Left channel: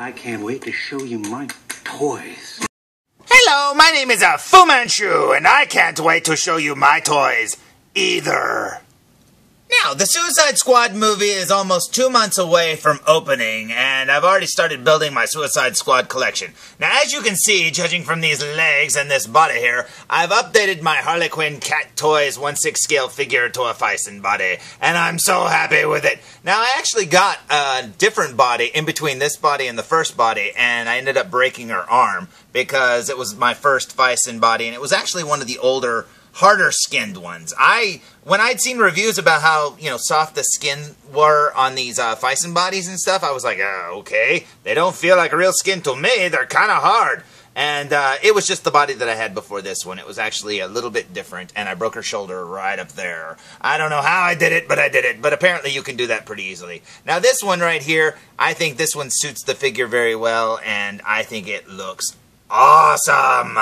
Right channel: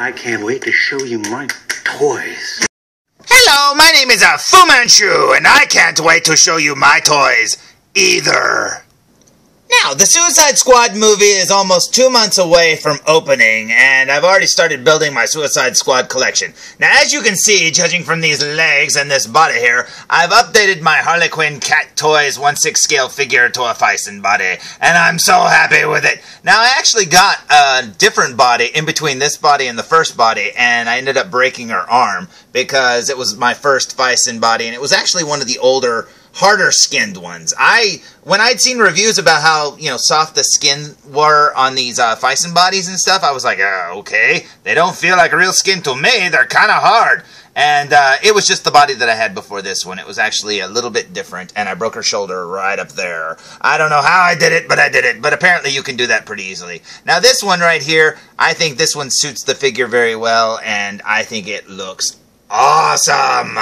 I can't wait to show you my toys. Hello, my name is Fu Manchu, and I can't wait to show you my toys either. Now, the Suicide Squad movie is almost 2 months away from opening, and I've already started building my Suicide Squad collection. Now, as you can see, judging from these legs and this body here, I've updated my Harley Quinn Cat Toys 1/6 scale figure to a Fison body, and I'm so happy with it. Now, I actually got a different body in between this body and the first body, and I ended up breaking her arm because it was my first Fison body, and it was actually one of the older, harder skinned ones. When I'd seen reviews about how, soft the skin were on these Fison bodies and stuff, I was like, okay, they don't feel like real skin to me, they're kind of hard. And it was just the body that I had before this one. It was actually a little bit different, and I broke her shoulder right up there. I don't know how I did it, but I did it. But apparently you can do that pretty easily. Now this one right here, I think this one suits the figure very well, and I think it looks awesome.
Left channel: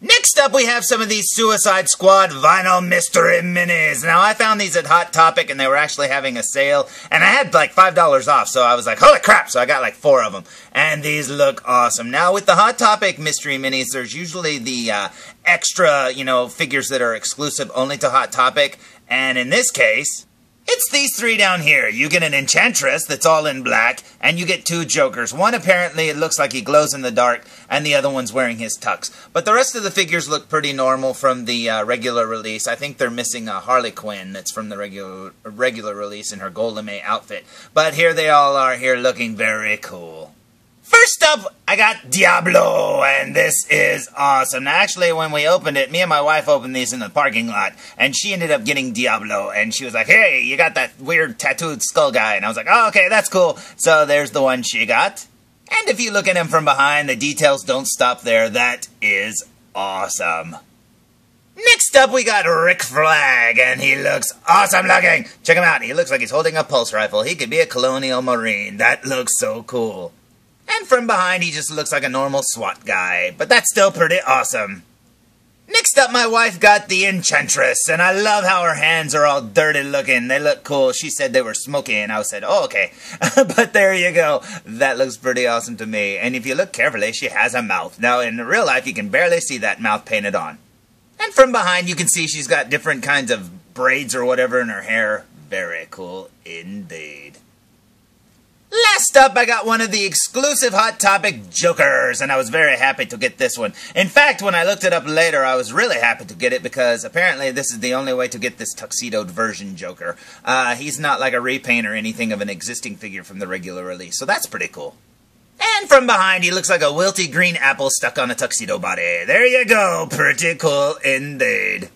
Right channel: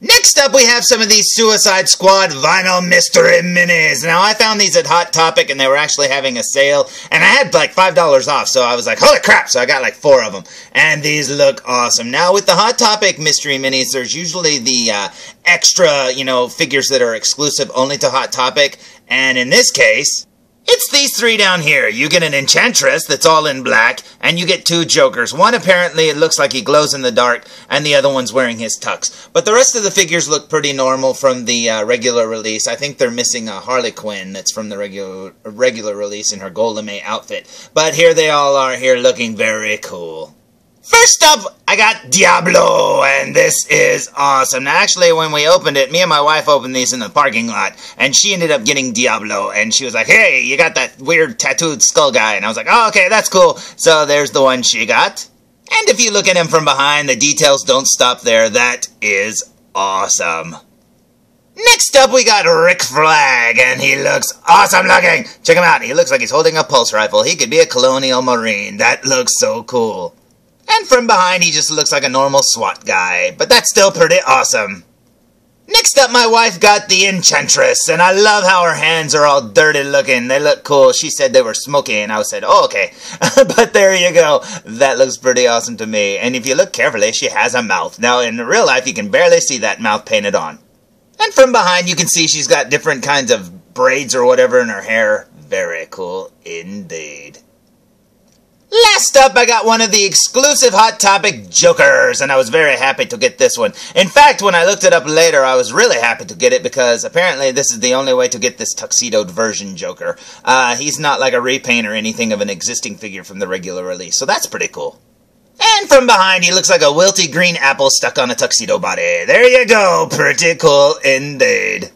Next up, we have some of these Suicide Squad Vinyl Mystery Minis. Now, I found these at Hot Topic, and they were actually having a sale, and I had like $5 off, so I was like, holy crap, so I got like 4 of them, and these look awesome. Now, with the Hot Topic Mystery Minis, there's usually the extra, figures that are exclusive only to Hot Topic, and in this case, it's these 3 down here. You get an Enchantress that's all in black, and you get 2 Jokers. One, apparently, it looks like he glows in the dark, and the other one's wearing his tux. But the rest of the figures look pretty normal from the regular release. I think they're missing a Harley Quinn that's from the regular release in her Gold Lame outfit. But here they all are here looking very cool. First up, I got Diablo, and this is awesome. Now, actually, when we opened it, me and my wife opened these in the parking lot, and she ended up getting Diablo, and she was like, hey, you got that weird tattooed skull guy, and I was like, oh, okay, that's cool. So there's the one she got. And if you look at him from behind, the details don't stop there. That is awesome. Next up, we got Rick Flag, and he looks awesome looking. Check him out. He looks like he's holding a pulse rifle. He could be a Colonial Marine. That looks so cool. And from behind, he just looks like a normal SWAT guy, but that's still pretty awesome. Next up, my wife got the Enchantress, and I love how her hands are all dirty looking. They look cool. She said they were smoky, and I said, oh, okay. But there you go. That looks pretty awesome to me. And if you look carefully, she has a mouth. Now, in real life, you can barely see that mouth painted on. And from behind, you can see she's got different kinds of braids or whatever in her hair. Very cool indeed. Last up, I got one of the exclusive Hot Topic Jokers, and I was very happy to get this one. In fact, when I looked it up later, I was really happy to get it because apparently this is the only way to get this tuxedoed version Joker. He's not like a repaint or anything of an existing figure from the regular release, so that's pretty cool. And from behind, he looks like a wilty green apple stuck on a tuxedo body. There you go, pretty cool indeed.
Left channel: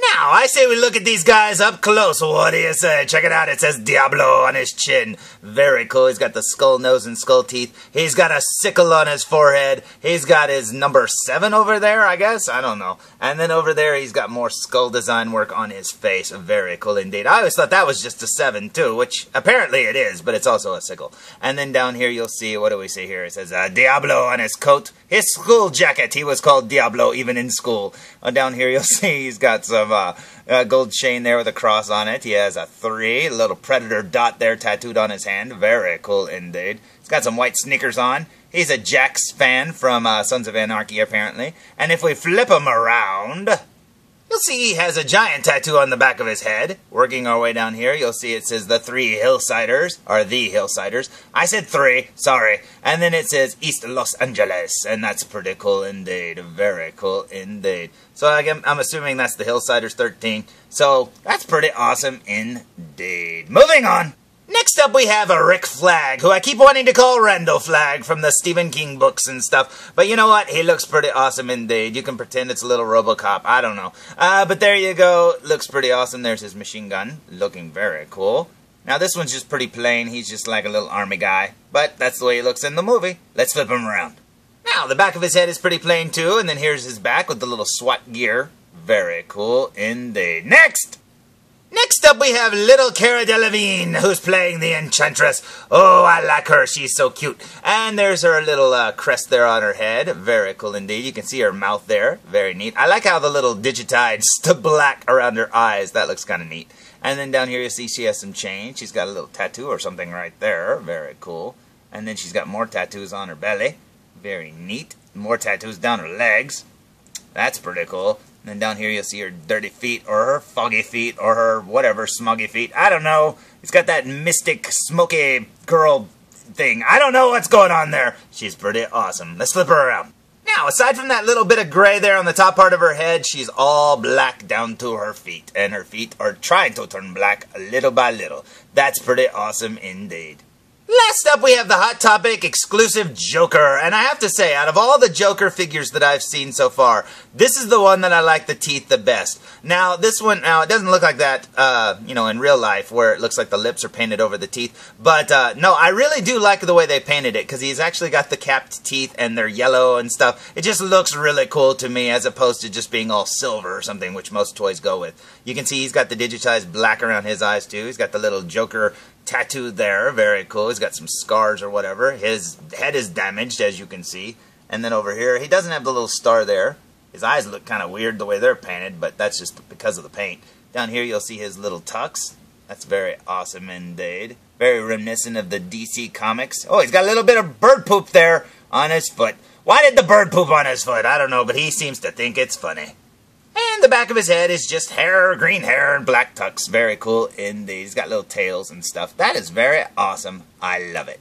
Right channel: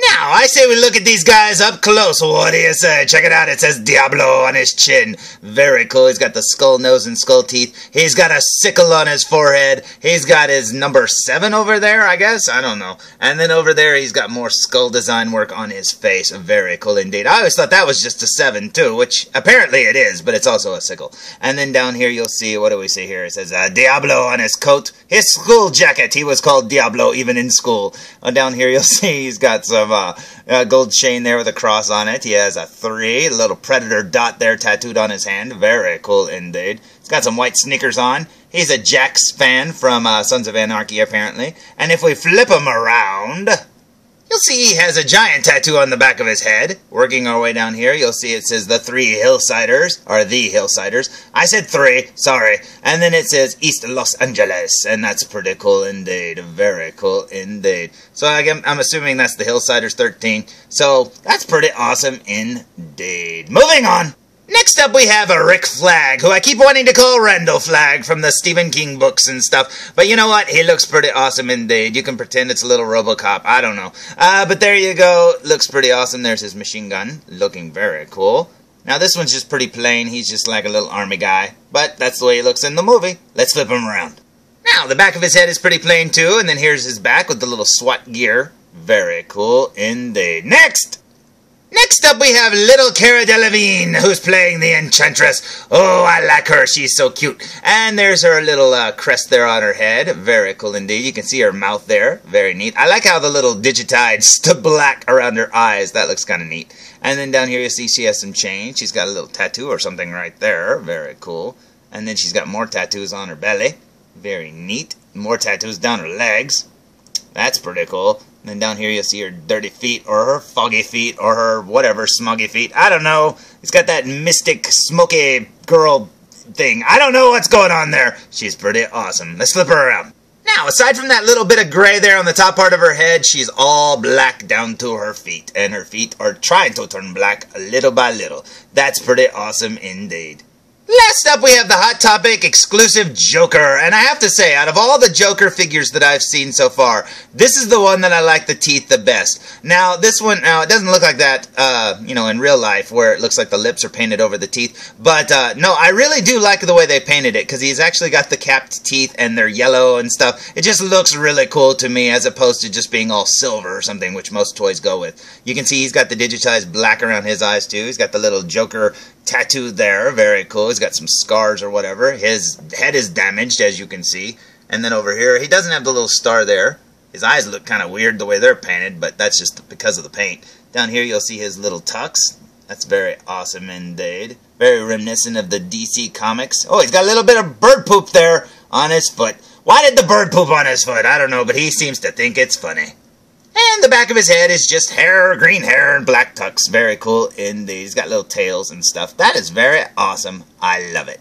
Now, I say we look at these guys up close. What do you say? Check it out. It says Diablo on his chin. Very cool. He's got the skull nose and skull teeth. He's got a sickle on his forehead. He's got his number 7 over there, I guess. I don't know. And then over there, he's got more skull design work on his face. Very cool indeed. I always thought that was just a 7, too, which apparently it is, but it's also a sickle. And then down here, you'll see, what do we see here? It says Diablo on his coat. His school jacket. He was called Diablo even in school. Down here, you'll see he's got some gold chain there with a cross on it. He has a 3, a little predator dot there tattooed on his hand. Very cool indeed. He's got some white sneakers on. He's a Jax fan from Sons of Anarchy, apparently. And if we flip him around, you'll see he has a giant tattoo on the back of his head. Working our way down here, you'll see it says the 3 Hillsiders, or the Hillsiders. I said 3, sorry. And then it says East Los Angeles, and that's pretty cool indeed. Very cool indeed. So I'm assuming that's the Hillsiders 13. So that's pretty awesome indeed. Moving on. Next up, we have a Rick Flag, who I keep wanting to call Randall Flag from the Stephen King books and stuff. But you know what? He looks pretty awesome indeed. You can pretend it's a little RoboCop. I don't know. But there you go. Looks pretty awesome. There's his machine gun. Looking very cool. Now, this one's just pretty plain. He's just like a little army guy. But that's the way he looks in the movie. Let's flip him around. Now, the back of his head is pretty plain, too. And then here's his back with the little SWAT gear. Very cool indeed. Next up, we have little Cara Delevingne, who's playing the Enchantress. Oh, I like her. She's so cute. And there's her little crest there on her head. Very cool indeed. You can see her mouth there. Very neat. I like how the little digitized black around her eyes. That looks kind of neat. And then down here you see she has some chain. She's got a little tattoo or something right there. Very cool. And then she's got more tattoos on her belly. Very neat. More tattoos down her legs. That's pretty cool. And then down here you'll see her dirty feet, or her foggy feet, or her whatever, smoggy feet. I don't know. It's got that mystic, smoky girl thing. I don't know what's going on there. She's pretty awesome. Let's flip her around. Now, aside from that little bit of gray there on the top part of her head, she's all black down to her feet. And her feet are trying to turn black little by little. That's pretty awesome indeed. Last up, we have the Hot Topic exclusive Joker. And I have to say, out of all the Joker figures that I've seen so far, this is the one that I like the teeth the best. Now, this one, it doesn't look like that, in real life, where it looks like the lips are painted over the teeth. But, no, I really do like the way they painted it, because he's actually got the capped teeth, and they're yellow and stuff. It just looks really cool to me, as opposed to just being all silver or something, which most toys go with. You can see he's got the digitized black around his eyes, too. He's got the little Joker tattoo there. Very cool. He's got some scars or whatever. His head is damaged, as you can see. And then over here, he doesn't have the little star there. His eyes look kind of weird the way they're painted, but that's just because of the paint. Down here, you'll see his little tux. That's very awesome indeed. Very reminiscent of the DC Comics. Oh, he's got a little bit of bird poop there on his foot. Why did the bird poop on his foot? I don't know, but he seems to think it's funny. And the back of his head is just hair, green hair, and black tux. Very cool indeed. He's got little tails and stuff. That is very awesome. I love it.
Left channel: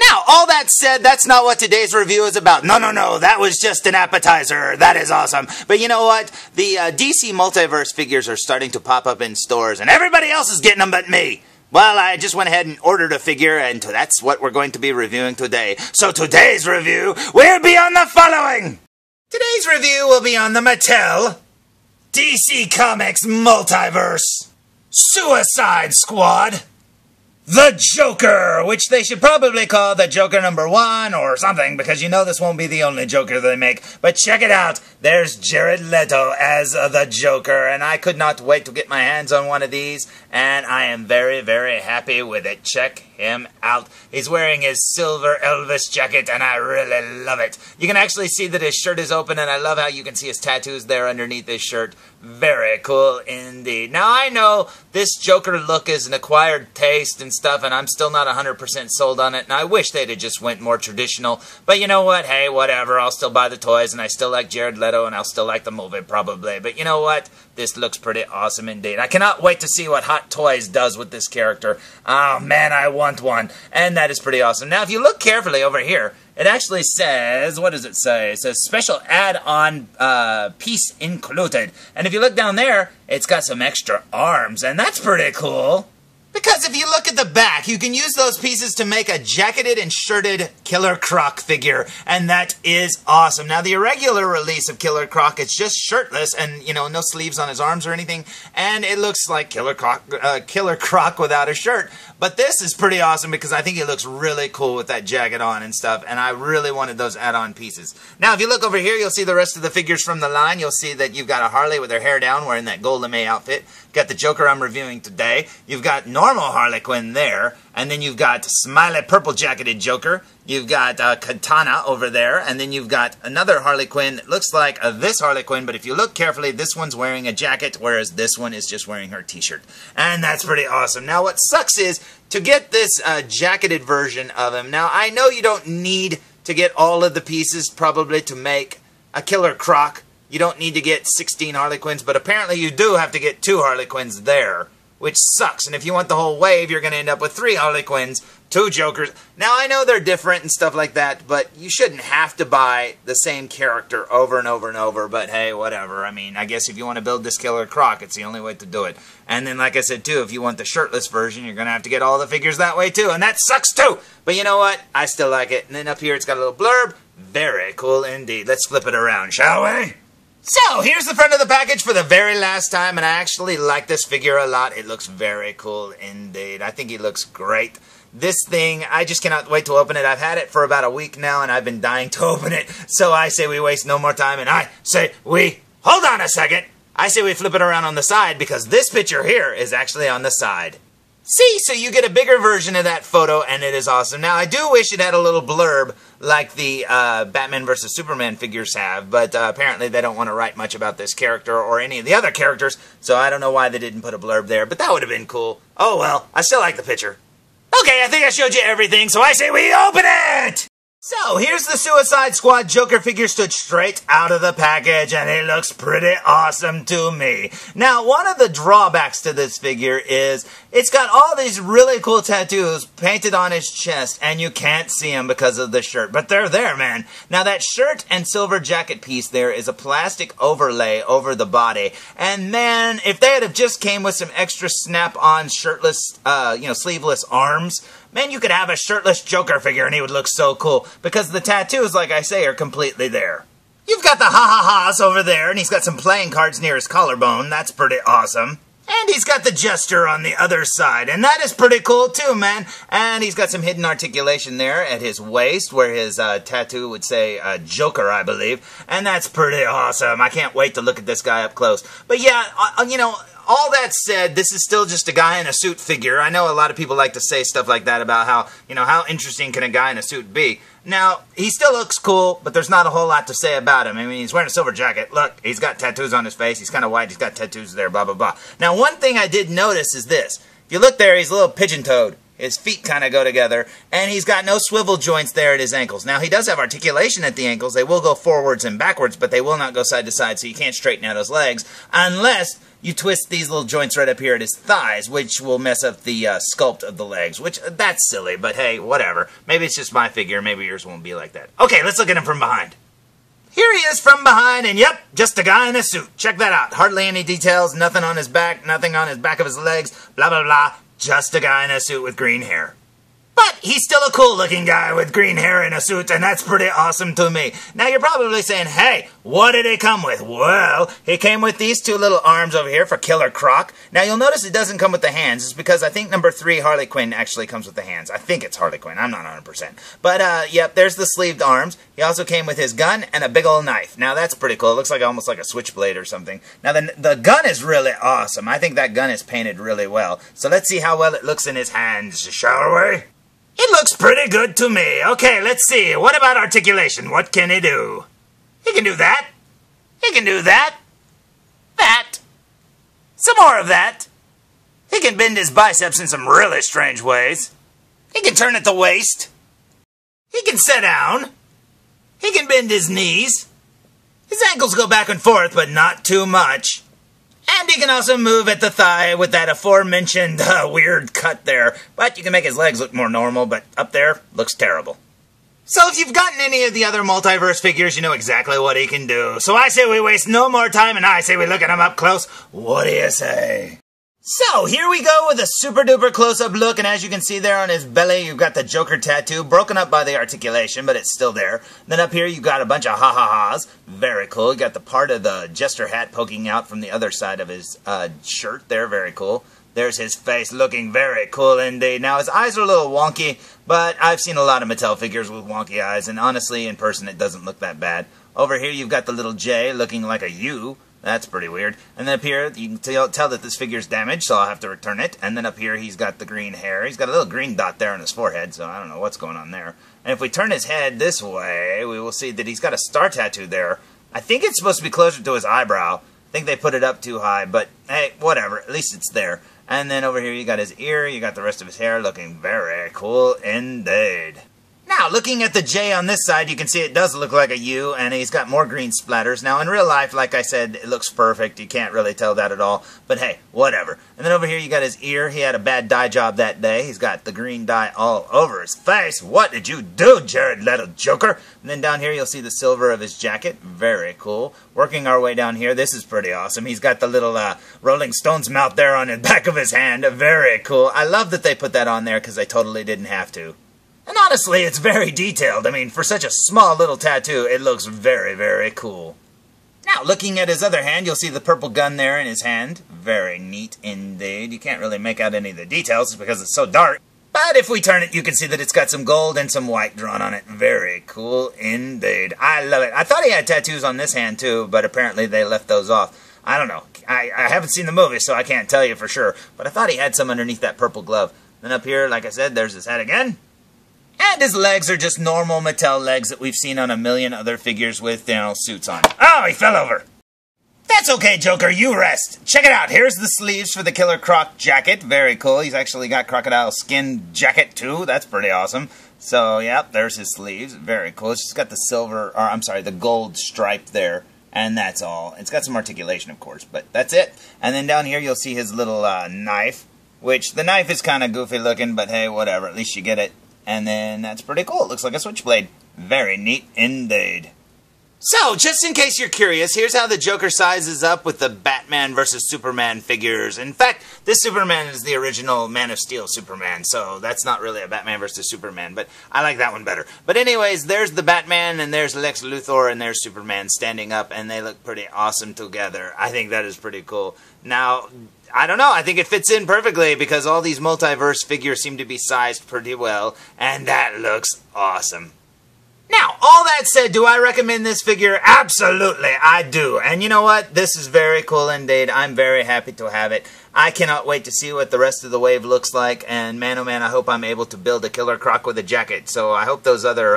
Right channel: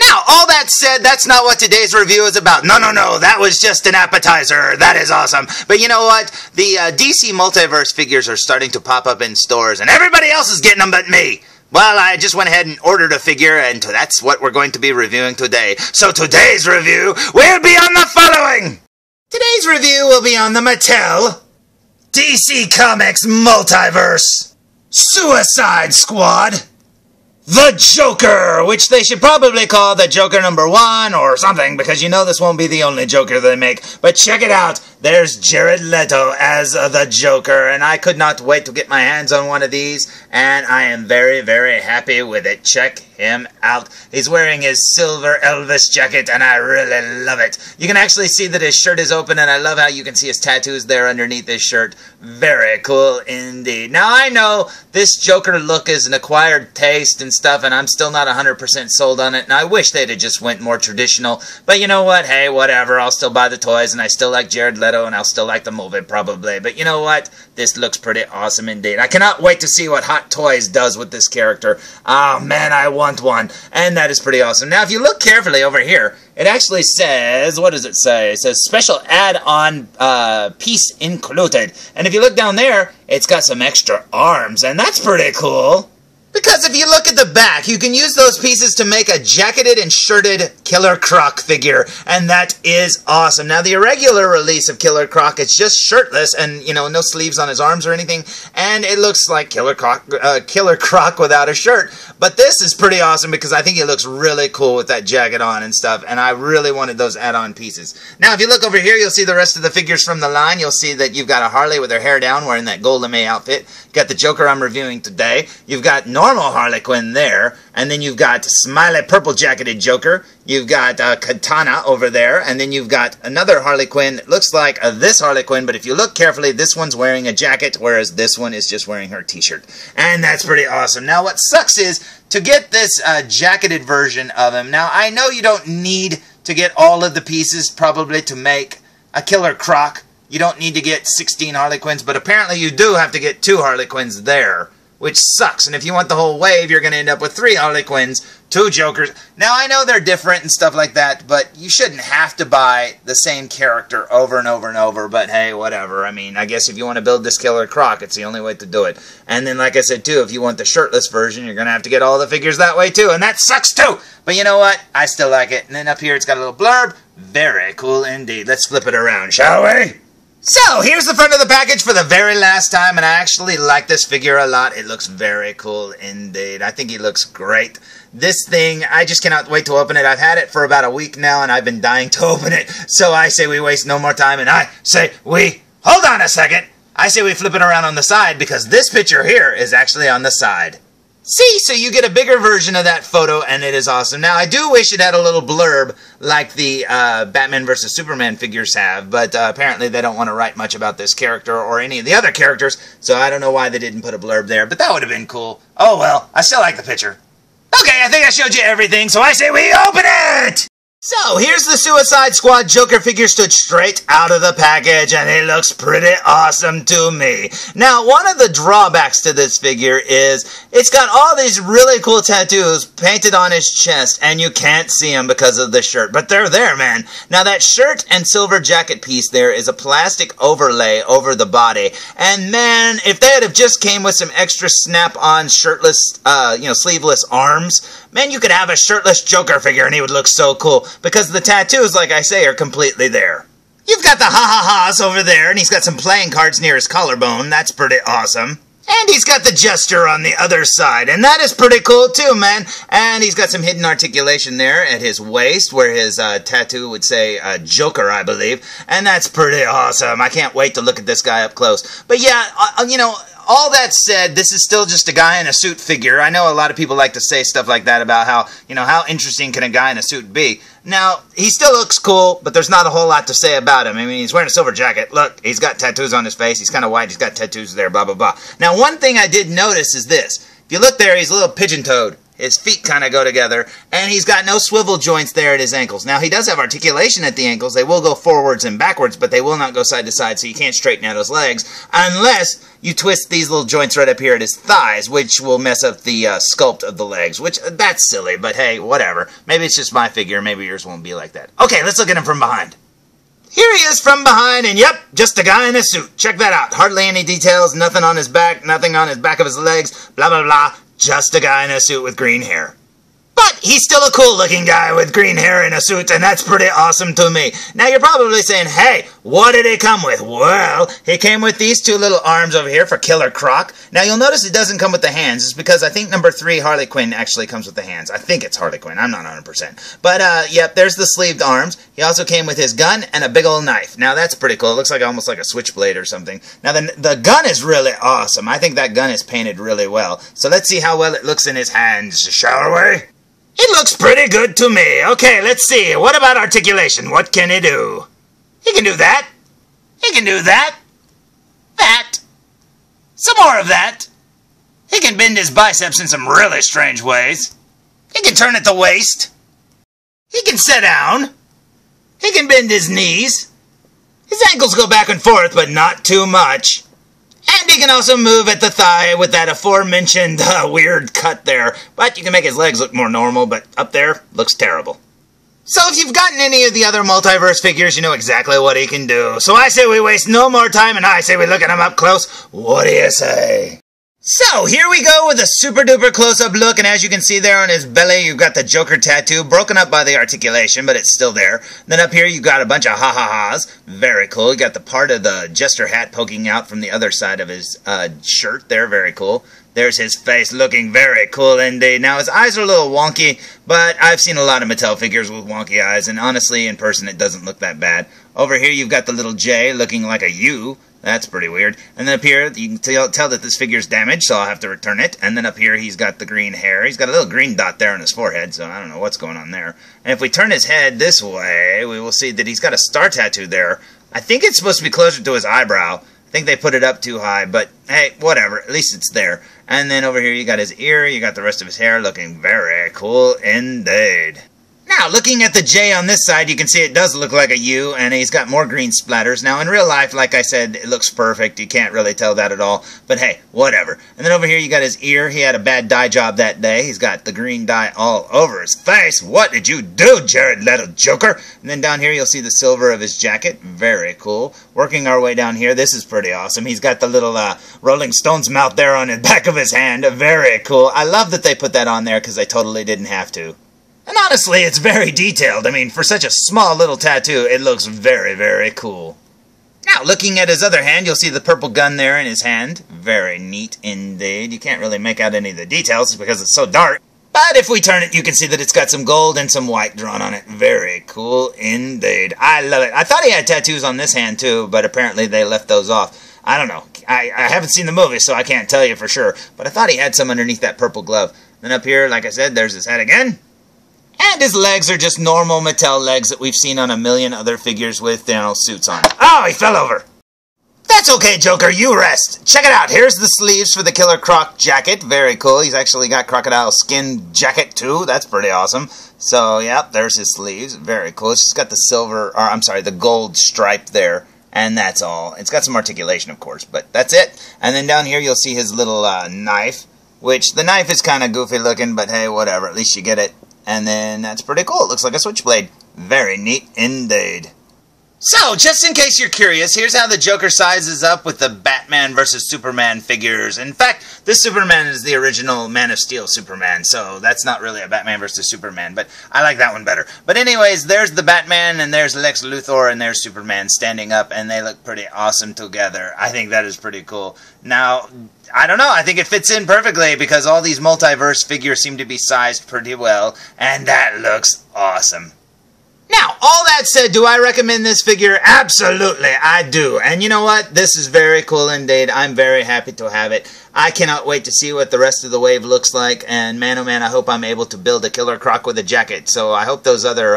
Now, all that said, that's not what today's review is about. No, that was just an appetizer. That is awesome. But you know what? The DC Multiverse figures are starting to pop up in stores, and everybody else is getting them but me. Well, I just went ahead and ordered a figure, and that's what we're going to be reviewing today. So today's review will be on the following. Today's review will be on the Mattel DC Comics Multiverse Suicide Squad The Joker, which they should probably call the Joker #1 or something, because you know this won't be the only Joker they make. But check it out, there's Jared Leto as the Joker, and I could not wait to get my hands on one of these, and I am very, very happy with it. Check him out. He's wearing his silver Elvis jacket, and I really love it. You can actually see that his shirt is open, and I love how you can see his tattoos there underneath his shirt. Very cool indeed. Now, I know this Joker look is an acquired taste and stuff, and I'm still not 100% sold on it, and I wish they'd have just went more traditional. But you know what? Hey, whatever. I'll still buy the toys, and I still like Jared Leto, and I'll still like the movie, probably. But you know what? This looks pretty awesome indeed. I cannot wait to see what Hot Toys does with this character. Oh, man, I want one. And that is pretty awesome. Now, if you look carefully over here, it actually says, what does it say? It says special add-on piece included. And if you look down there, it's got some extra arms, and that's pretty cool. Because if you look at the back, you can use those pieces to make a jacketed and shirted Killer Croc figure, and that is awesome. Now, the irregular release of Killer Croc, it's just shirtless and, you know, no sleeves on his arms or anything, and it looks like Killer Croc without a shirt. But this is pretty awesome because I think it looks really cool with that jacket on and stuff, and I really wanted those add-on pieces. Now, if you look over here, you'll see the rest of the figures from the line. You'll see that you've got a Harley with her hair down wearing that Golden May outfit. You've got the Joker I'm reviewing today. You've got normal Harley Quinn there, and then you've got smiley purple jacketed Joker. You've got Katana over there, and then you've got another Harley Quinn that looks like this Harley Quinn, but if you look carefully, this one's wearing a jacket, whereas this one is just wearing her t-shirt. And that's pretty awesome. Now, what sucks is, to get this jacketed version of him, now, I know you don't need to get all of the pieces, probably, to make a Killer Croc. You don't need to get 16 Harley Quinns, but apparently you do have to get 2 Harley Quinns there, which sucks. And if you want the whole wave, you're going to end up with 3 Harley Quinns, 2 Jokers. Now, I know they're different and stuff like that, but you shouldn't have to buy the same character over and over and over, but hey, whatever. I mean, I guess if you want to build this Killer Croc, it's the only way to do it. And then, like I said, too, if you want the shirtless version, you're going to have to get all the figures that way, too, and that sucks, too. But you know what? I still like it. And then up here, it's got a little blurb. Very cool indeed. Let's flip it around, shall we? So, here's the front of the package for the very last time, and I actually like this figure a lot. It looks very cool indeed. I think he looks great. This thing, I just cannot wait to open it. I've had it for about a week now, and I've been dying to open it. So I say we waste no more time, and I say we... Hold on a second! I say we flip it around on the side, because this picture here is actually on the side. See, so you get a bigger version of that photo, and it is awesome. Now, I do wish it had a little blurb like the Batman vs. Superman figures have, but apparently they don't want to write much about this character or any of the other characters, so I don't know why they didn't put a blurb there, but that would have been cool. Oh well, I still like the picture. Okay, I think I showed you everything, so I say we open it! So, here's the Suicide Squad Joker figure stood straight out of the package, and it looks pretty awesome to me. Now, one of the drawbacks to this figure is it's got all these really cool tattoos painted on his chest, and you can't see them because of the shirt. But they're there, man. Now, that shirt and silver jacket piece there is a plastic overlay over the body. And, man, if they had have just came with some extra snap-on shirtless, sleeveless arms, man, you could have a shirtless Joker figure and he would look so cool. Because the tattoos, like I say, are completely there. You've got the ha-ha-ha's over there, and he's got some playing cards near his collarbone. That's pretty awesome. And he's got the gesture on the other side, and that is pretty cool too, man. And he's got some hidden articulation there at his waist, where his tattoo would say Joker, I believe. And that's pretty awesome. I can't wait to look at this guy up close. But yeah, all that said, this is still just a guy in a suit figure. I know a lot of people like to say stuff like that about how interesting can a guy in a suit be. Now, he still looks cool, but there's not a whole lot to say about him. I mean, he's wearing a silver jacket. Look, he's got tattoos on his face. He's kind of white. He's got tattoos there, blah, blah, blah. Now, one thing I did notice is this. If you look there, he's a little pigeon-toed. His feet kind of go together, and he's got no swivel joints there at his ankles. Now, he does have articulation at the ankles. They will go forwards and backwards, but they will not go side to side, so you can't straighten out his legs unless you twist these little joints right up here at his thighs, which will mess up the sculpt of the legs, which, that's silly, but hey, whatever. Maybe it's just my figure. Maybe yours won't be like that. Okay, let's look at him from behind. Here he is from behind, and yep, just a guy in a suit. Check that out. Hardly any details, nothing on his back, nothing on his back of his legs, blah, blah, blah. Just a guy in a suit with green hair. But he's still a cool-looking guy with green hair in a suit, and that's pretty awesome to me. Now, you're probably saying, hey, what did he come with? Well, he came with these two little arms over here for Killer Croc. Now, you'll notice it doesn't come with the hands. It's because I think number 3, Harley Quinn, actually comes with the hands. I think it's Harley Quinn. I'm not 100%. But, yep, there's the sleeved arms. He also came with his gun and a big old knife. Now, that's pretty cool. It looks like almost like a switchblade or something. Now, the gun is really awesome. I think that gun is painted really well. So let's see how well it looks in his hands, shall we? It looks pretty good to me. Okay, let's see. What about articulation? What can he do? He can do that. He can do that. That. Some more of that. He can bend his biceps in some really strange ways. He can turn at the waist. He can sit down. He can bend his knees. His ankles go back and forth, but not too much. And he can also move at the thigh with that aforementioned weird cut there. But you can make his legs look more normal, but up there, looks terrible. So if you've gotten any of the other Multiverse figures, you know exactly what he can do. So I say we waste no more time, and I say we look at him up close. What do you say? So, here we go with a super duper close-up look, and as you can see there on his belly, you've got the Joker tattoo, broken up by the articulation, but it's still there. Then up here, you've got a bunch of ha-ha-ha's. Very cool. You got the part of the jester hat poking out from the other side of his shirt there. Very cool. There's his face looking very cool indeed. Now, his eyes are a little wonky, but I've seen a lot of Mattel figures with wonky eyes, and honestly, in person, it doesn't look that bad. Over here, you've got the little J looking like a U. That's pretty weird. And then up here, you can tell that this figure's damaged, so I'll have to return it. And then up here, he's got the green hair. He's got a little green dot there on his forehead, so I don't know what's going on there. And if we turn his head this way, we will see that he's got a star tattoo there. I think it's supposed to be closer to his eyebrow. I think they put it up too high, but hey, whatever. At least it's there. And then over here, you got his ear. You got the rest of his hair looking very cool indeed. Now, looking at the J on this side, you can see it does look like a U, and he's got more green splatters. Now, in real life, like I said, it looks perfect. You can't really tell that at all. But hey, whatever. And then over here, you got his ear. He had a bad dye job that day. He's got the green dye all over his face. What did you do, Jared Leto Joker? And then down here, you'll see the silver of his jacket. Very cool. Working our way down here, this is pretty awesome. He's got the little Rolling Stones mouth there on the back of his hand. Very cool. I love that they put that on there because they totally didn't have to. And honestly, it's very detailed. I mean, for such a small little tattoo, it looks very, very cool. Now, looking at his other hand, you'll see the purple gun there in his hand. Very neat indeed. You can't really make out any of the details because it's so dark. But if we turn it, you can see that it's got some gold and some white drawn on it. Very cool indeed. I love it. I thought he had tattoos on this hand too, but apparently they left those off. I don't know. I haven't seen the movie, so I can't tell you for sure. But I thought he had some underneath that purple glove. Then up here, like I said, there's his head again. And his legs are just normal Mattel legs that we've seen on a million other figures with, suits on. Oh, he fell over! That's okay, Joker, you rest. Check it out, here's the sleeves for the Killer Croc jacket. Very cool. He's actually got crocodile skin jacket, too. That's pretty awesome. So, yep, there's his sleeves. Very cool. It's just got the the gold stripe there. And that's all. It's got some articulation, of course, but that's it. And then down here you'll see his little knife, which the knife is kind of goofy looking, but hey, whatever. At least you get it. And then that's pretty cool. It looks like a switchblade. Very neat indeed. So, just in case you're curious, here's how the Joker sizes up with the Batman vs. Superman figures. In fact, this Superman is the original Man of Steel Superman, so that's not really a Batman vs. Superman, but I like that one better. But anyways, there's the Batman, and there's Lex Luthor, and there's Superman standing up, and they look pretty awesome together. I think that is pretty cool. Now, I don't know, I think it fits in perfectly, because all these multiverse figures seem to be sized pretty well, and that looks awesome. Now, all that said, do I recommend this figure? Absolutely, I do. And you know what? This is very cool indeed. I'm very happy to have it. I cannot wait to see what the rest of the wave looks like. And man, oh man, I hope I'm able to build a Killer Croc with a jacket. So I hope those other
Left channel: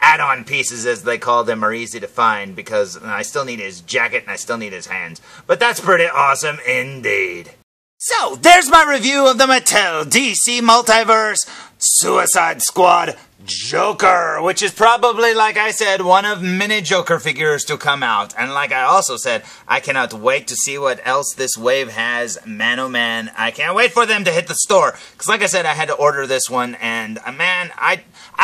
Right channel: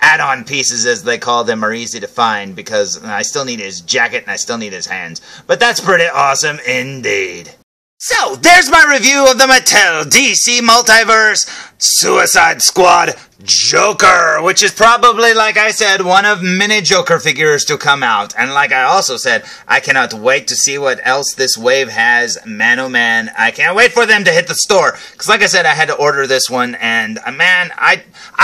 add-on pieces, as they call them, are easy to find. Because I still need his jacket and I still need his hands. But that's pretty awesome indeed. So, there's my review of the Mattel DC Multiverse Suicide Squad Joker, which is probably, like I said, one of many Joker figures to come out. And like I also said, I cannot wait to see what else this wave has. Man, oh man, I can't wait for them to hit the store. Because like I said, I had to order this one, and man, I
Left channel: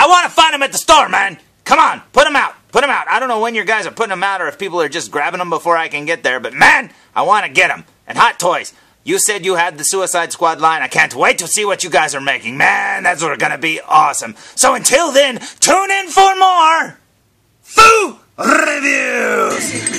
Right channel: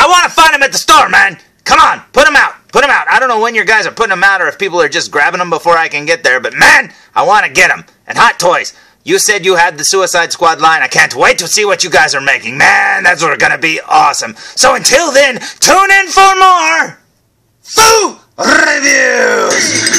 want to find them at the store, man. Come on, put them out. Put them out. I don't know when your guys are putting them out or if people are just grabbing them before I can get there, but man, I want to get them. And Hot Toys, you said you had the Suicide Squad line. I can't wait to see what you guys are making. Man, that's gonna be awesome. So until then, tune in for more Foo Reviews!